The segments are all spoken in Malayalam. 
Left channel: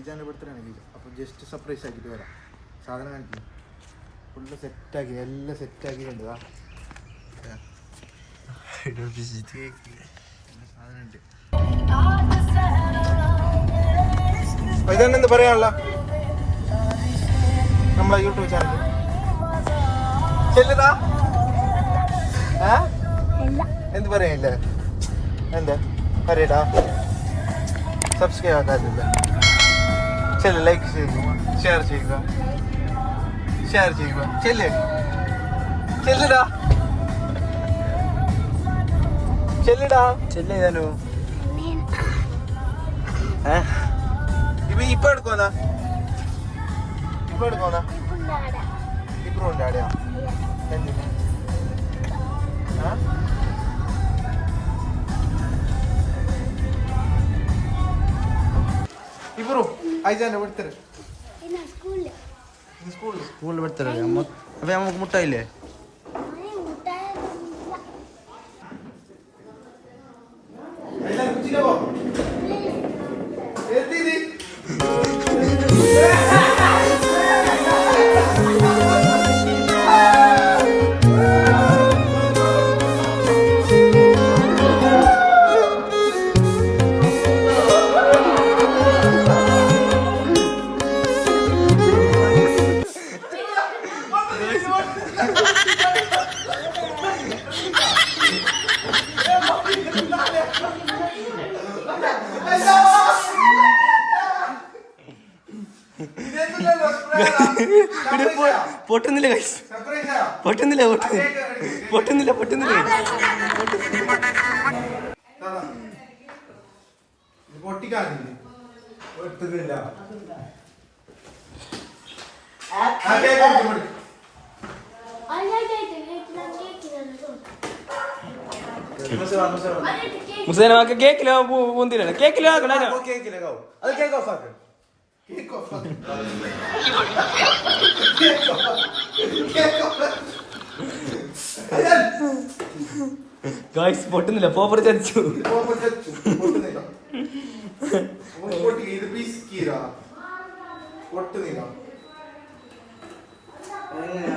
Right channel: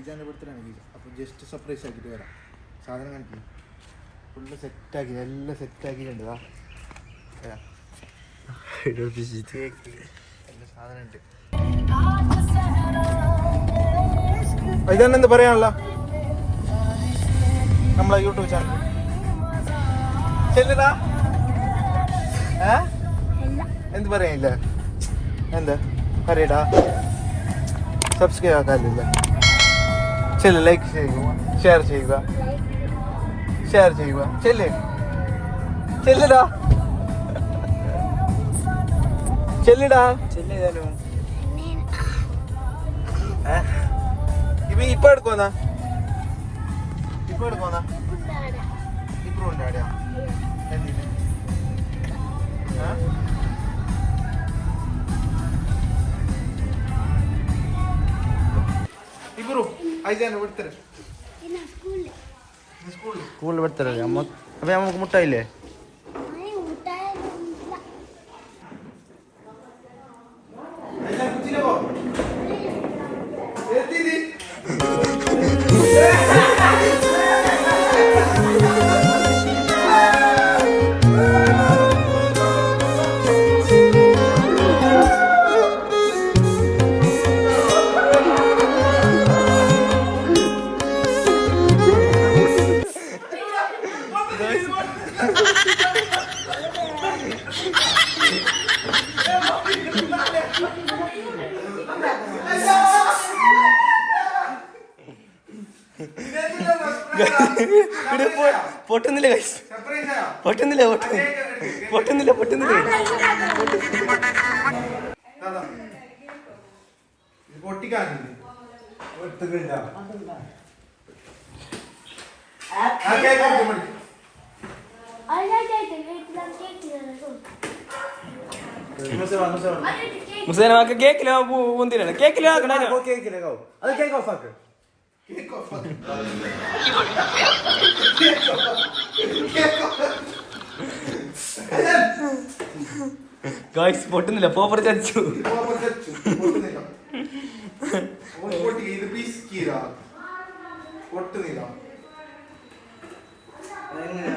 ഐജാൻ്റെ ബർത്ത്ഡേ അപ്പോൾ ജസ്റ്റ് സർപ്രൈസ് ആക്കിയിട്ട് വരാം. സാധനം കാണിക്കും ഫുള്ള് സെറ്റാക്കി എല്ലാം സെറ്റാക്കിയിട്ടുണ്ട്. സാധനം ഉണ്ട്. ഐജാനെന്താ പറയാനുള്ള നമ്മളെ യൂട്യൂബ് ചാനൽ ചെല്ലടാ എന്ത് പറയാനില്ല എന്താ പറയടാ സബ്സ്ക്രൈബ് ആക്കാറില്ല ചെല്ല് ലൈക്ക് ചെയ്യുക ഷെയർ ചെയ്യുക ചെല്ലടാ ചെല്ലു ഇപ്പൊ എടുക്കോന്നാ ഇപ്പൊ ഉണ്ടാടാ എന്തിനാ ഇബ്രു ഐജാന്റെ ബർത്ത്ഡേ സ്കൂളിൽ ബർത്ത്ഡേ അപ്പൊ നമുക്ക് മുട്ടായില്ലേ? പൊട്ടുന്നില്ല പൊട്ടുന്നില്ല പൊട്ടുന്നില്ല പൊട്ടുന്നില്ല മുസേനമാക്ക് കേക്കിലോ പൂന്തിരാണ് കേക്കിലോ ആക്കണ ഗായ്സ് പൊട്ടുന്നില്ല പോപ്പർ ചച്ചു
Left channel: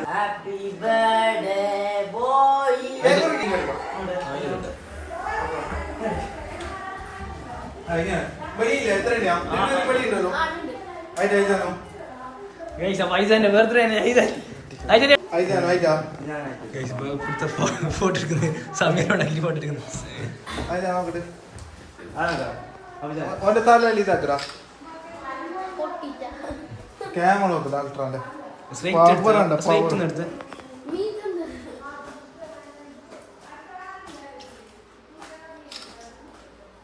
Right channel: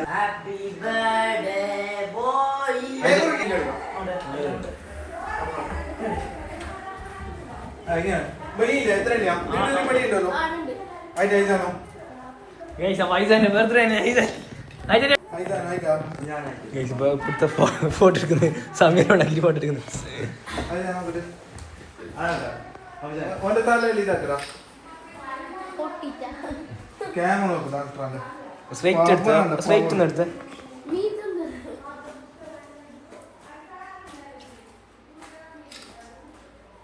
ഹാപ്പി ബർത്ത്ഡേ ബോയ് ഫോട്ടോ എടുക്കുന്നത് സമയം ഉണ്ടാക്കി ഫോട്ടോ എടുക്കുന്നത് സ്ട്രൈറ്റ് എടുത്ത്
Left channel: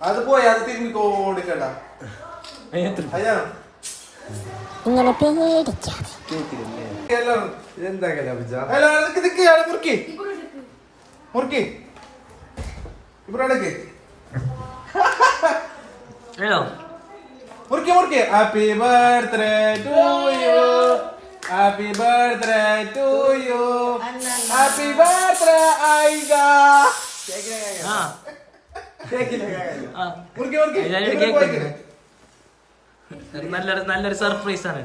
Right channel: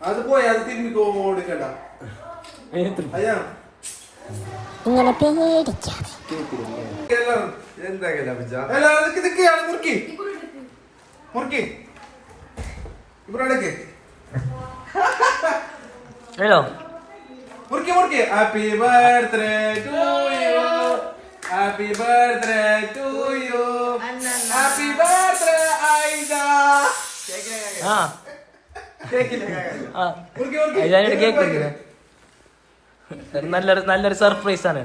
അത് പോയി അത് തിരുമ്പി കൊടുക്കണ്ട ഇങ്ങനെ പേടിക്കാതെ happy birthday to you happy birthday to you happy birthday ഐജ നല്ലൊരു സർപ്രൈസ് ആണ്.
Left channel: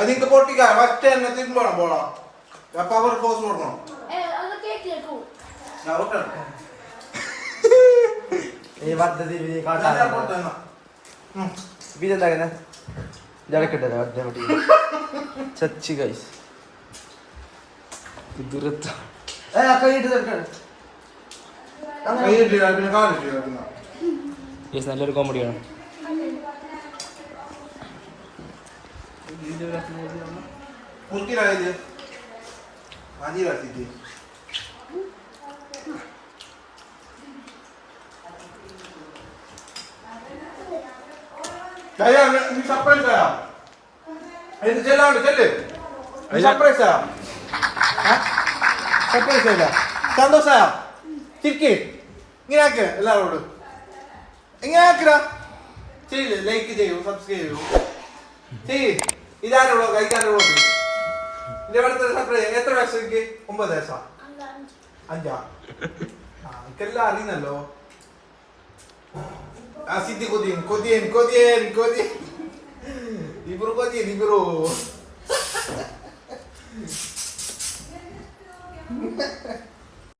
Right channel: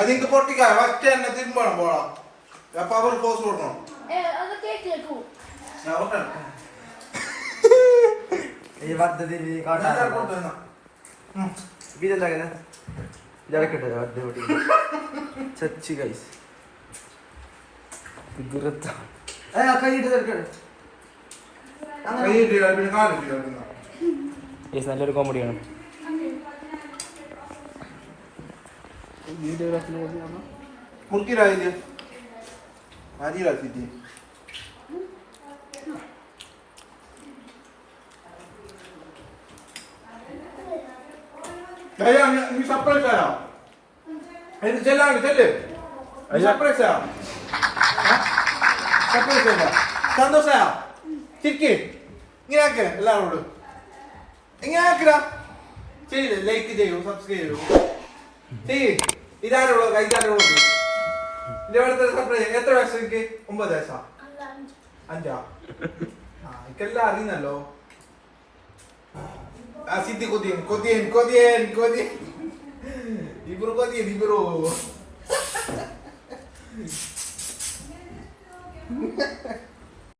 അതിന്റെ പൊട്ടിക്കാ ഫസ്റ്റ് തന്നെ തിരുമ്പണം പോണം അപ്പൊ അവർ ക്ലോസ് കൊടുക്കണം ചച്ചി ഗൈസ് നല്ലൊരു കോമഡിയാണ്. നീ സർപ്രൈസ് തരാം. എന്ത് ചെല്ലാണ്ട് ചെല്ല്. സർപ്രൈസ് തരാം. സർപ്രൈസ് തരാം. സന്തോഷാ? ചിരിക്ക്. ഇങ്ങനെ ആക്ക് എല്ലാവരോടും. ഇങ്ങനെ ആക്കിടാ. ചെയ്യില്ലേ? ലൈക്ക് ചെയ്യൂ, സബ്സ്ക്രൈബ് ചെയ്യൂ. ചെയ്യ്. ഇതാരുള്ളൂ കൈക്കാരുള്ളൂ. എന്റെ അടുത്ത സർപ്രൈസ്. എത്ര വയസ്സ് എനിക്ക്? 9 വയസ്സാ. 5. എനിക്കെല്ലാം അറിയുന്നല്ലോ. സിദ്ധി കൊതിയൻ കൊതിയൻ കൊതിയൻ കൊതിയൻ ഇബ്രു കൊതിയൻ ഇബ്രു